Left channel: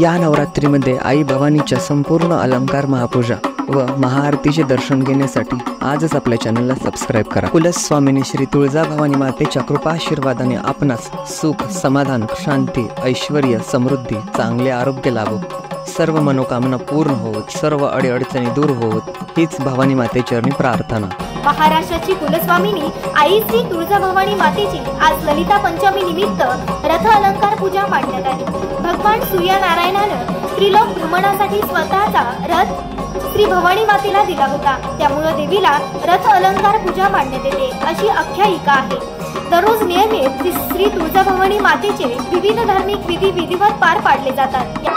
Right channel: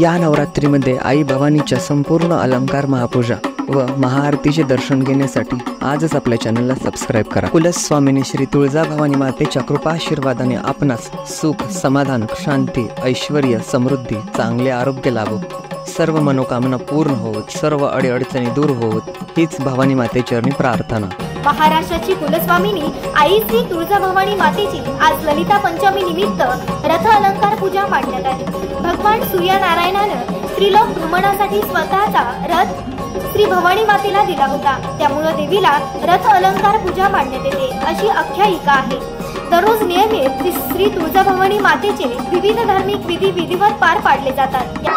या नवरात्रीमध्ये आई भवानीच्या संपूर्ण अलंकार महापूजा व महाआरतीचे दर्शन घेण्यासाठी आजच आपल्या चॅनलला सबस्क्राईब करा। कुलस्वामिनी श्री तुळजाभवानी मातेच्या कृपा आशीर्वादाने आपणास सुख, समाधान, शांती, ऐश्वर्य, समृद्धी, चांगले आरोग्य लाभो, सर्व मनोकामना पूर्ण होत, सर्व अडीअडचणी दूर होत, हीच भवानी मातेचरणी प्रार्थना। महाराष्ट्राची कुलस्वामिनी आई श्री तुळजाभवानी मातेची आज ललिता पंचमी निमित्त रथ अलंकार पूजा मांडण्यात आली। भगवान सूर्यनारायणानं त्रिलोक भ्रमणासाठी स्वतःचा रथ श्री भवानी मातेला दिला होता, त्यामुळे देवीला रथ अलंकार पूजा मांडण्यात येते अशी आख्यायिका आहे। दररोज नियमित श्री तुळजाभवानी मातेचे विविध धार्मिक विधी विधिवत पार पाडले जातात।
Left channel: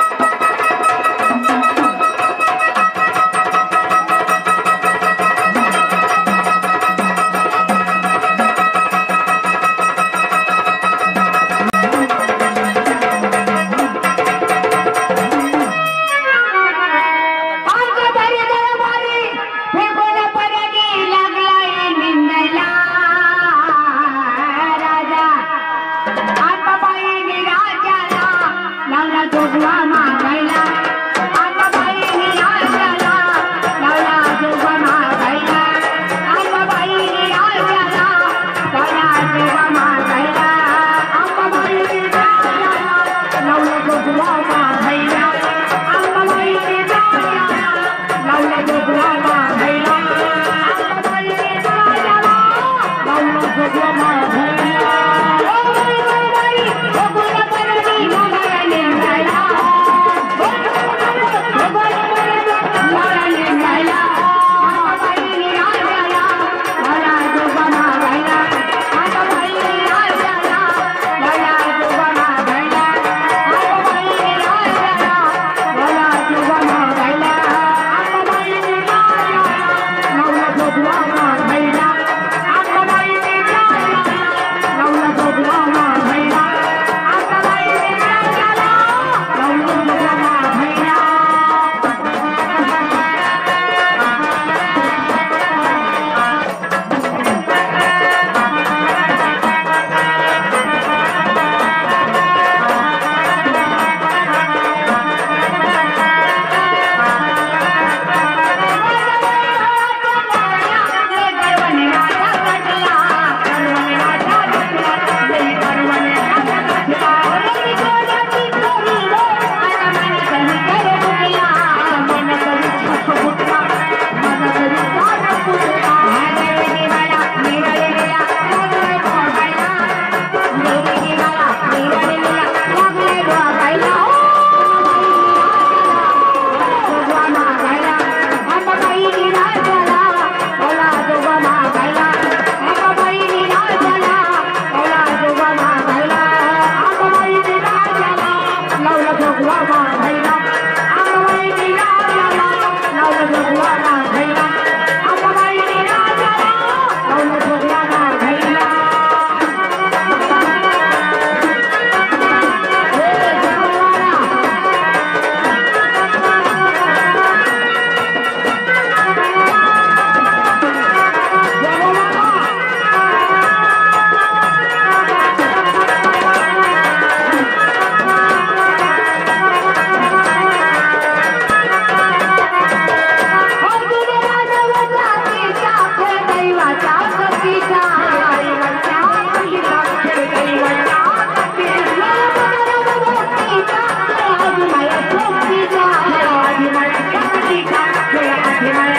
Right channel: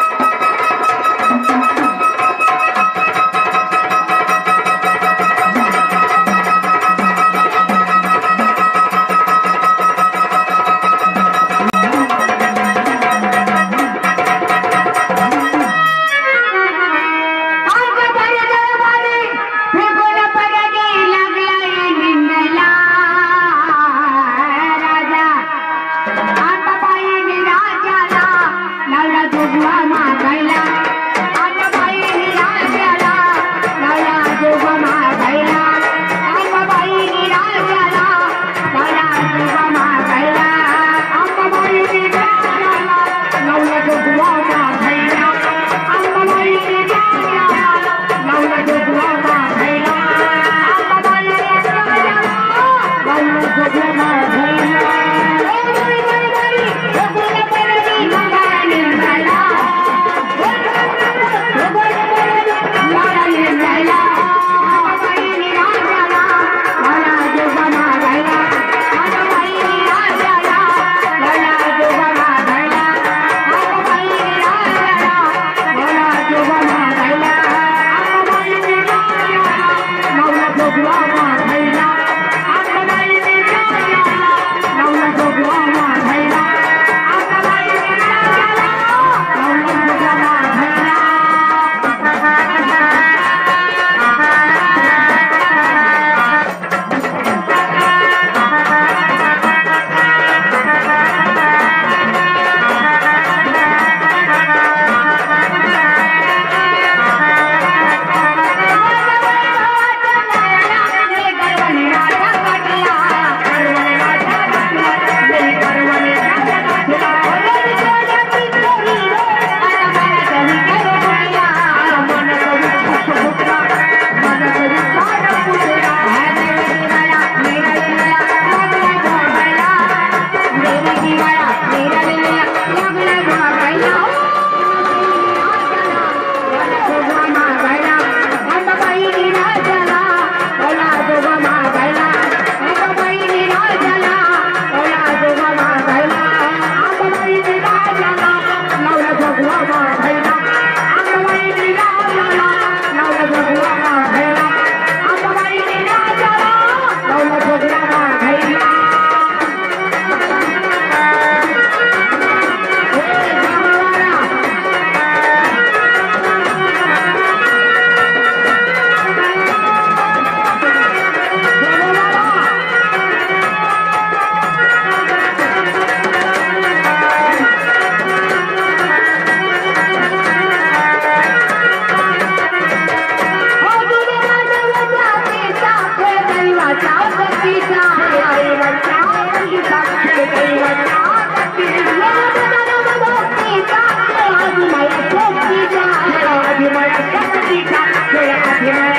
Yeah.